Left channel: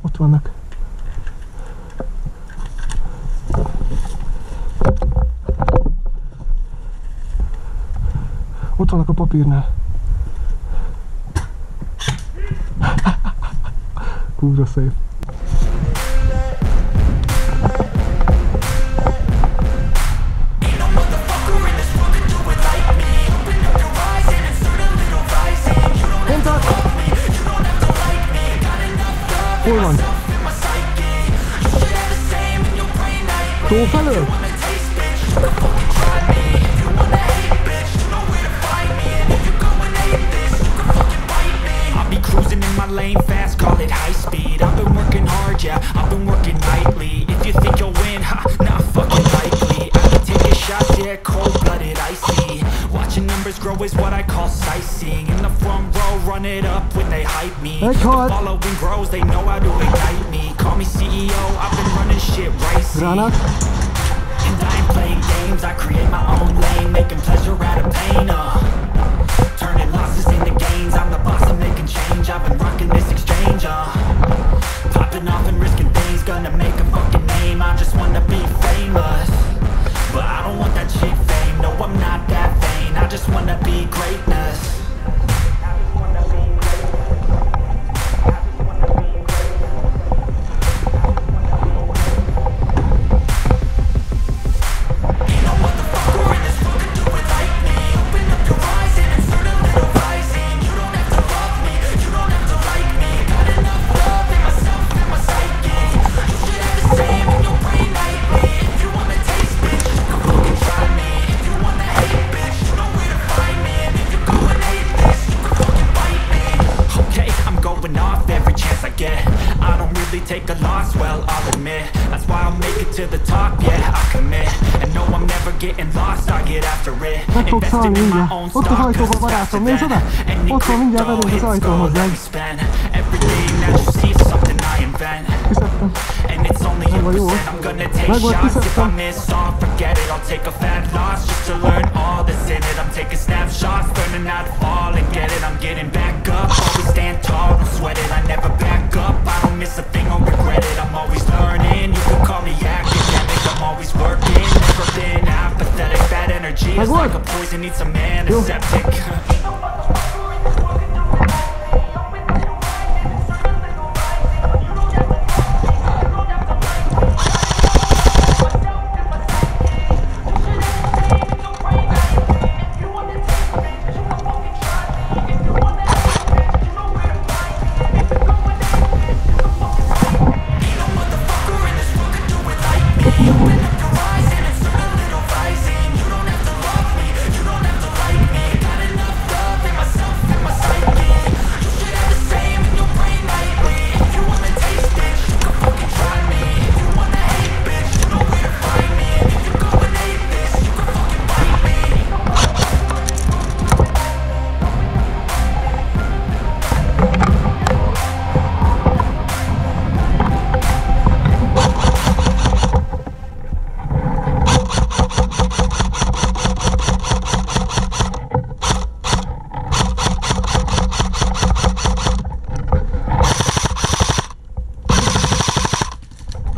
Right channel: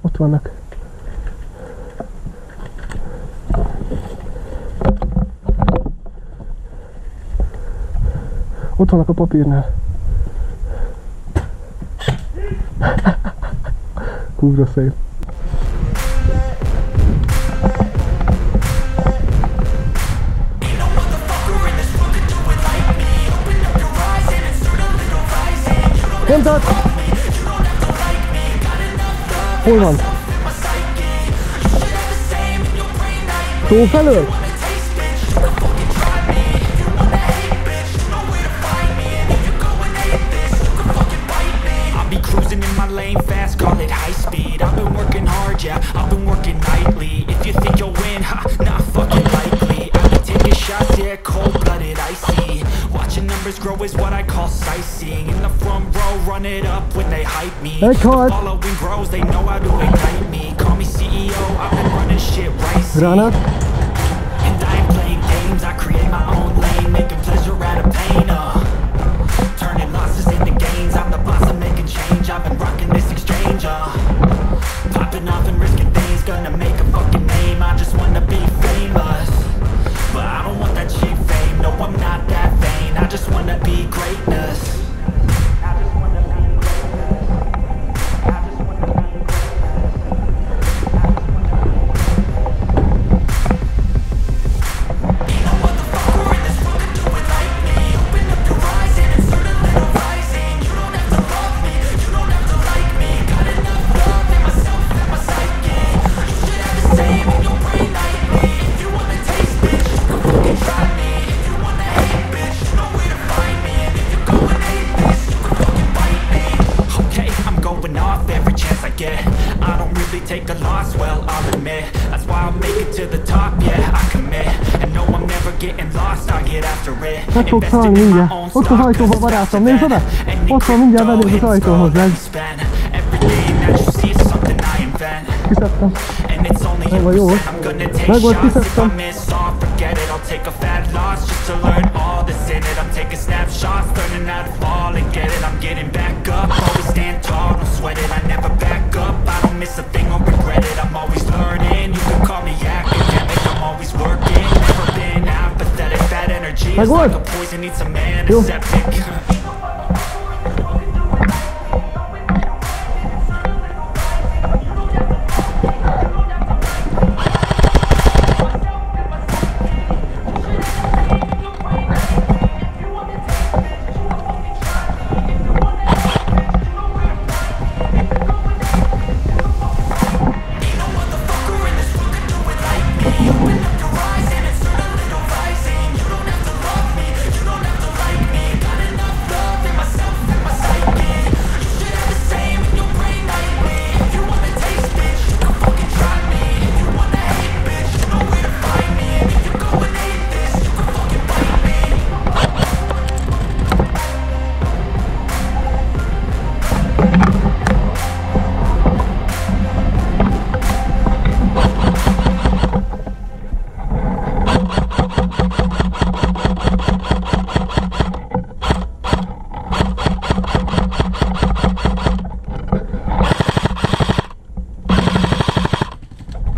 Ott vannak. Ott vannak a papírnál. Kurva szép. Hol van? Túlfelé? Cruising in my lane fast, call it high speed. I've been working hard, yeah, I've been working nightly. If you think you'll win, ha, not fucking likely. I be taking shots, yeah, cold-blooded, icy. Watching numbers grow is what I call sightseeing. In the front row, run it up when they hype me. The following grows, they know how to ignite me. Call me CEO, I've been running shit right, see. And I ain't playing games, I create my own lane, making pleasure out of pain, turning losses into gains, I'm the boss, I'm making change. I've been rocking this exchange, popping off and risking things, gonna make a fucking name. I just wanna be famous, but I don't want that cheap fame. No, I'm not that vain, I just wanna be greatness. I just wanna be greatness. I just wanna be greatness. I just wanna be greatness. Ain't no motherfucker in this world can do it like me. Open up your eyes and insert a little rising. You don't have to love me, you don't have to like me. Got enough love in myself and my psyche. You should have the same in your brain nightly. If you wanna taste, bitch, you can fucking try me. If you wanna hate, bitch, you know where to find me. And if you go and hate this, you can fucking bite me. Okay, I'm going off every chance I get. I don't really take a loss, well, I'll admit. That's why I'll make it to the top, yeah, I commit. And no, I'm never getting lost, I get after it. Investing in my own stock, cause it's faster than any crypto hits go, let me spend. Everything that you see is something I invent. And it's only a percent, I'm gonna take shots. If I miss all, forget it, I'll take a fat loss just to learn all that's in it. I'm taking snapshots, learning how to fall and get it. I'm getting back up, always stand tall, don't sweat it. I never back up, I don't miss a thing or regret it. I'm always learning, you could call me academic. I'm always working, never been apathetic. Bad energy is like a poison, needs some antiseptic.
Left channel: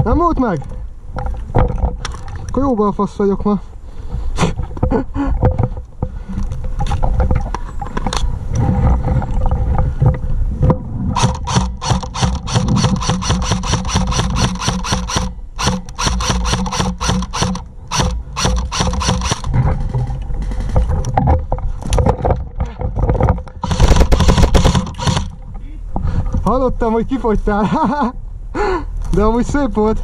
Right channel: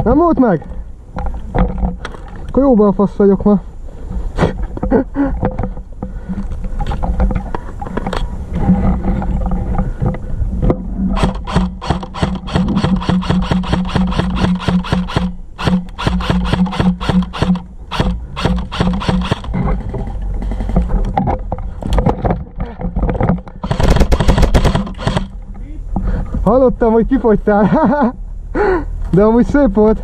Nem volt meg? Akkor jóban fasz vagyok ma. Hallottam, hogy kifogytál, de amúgy szép volt.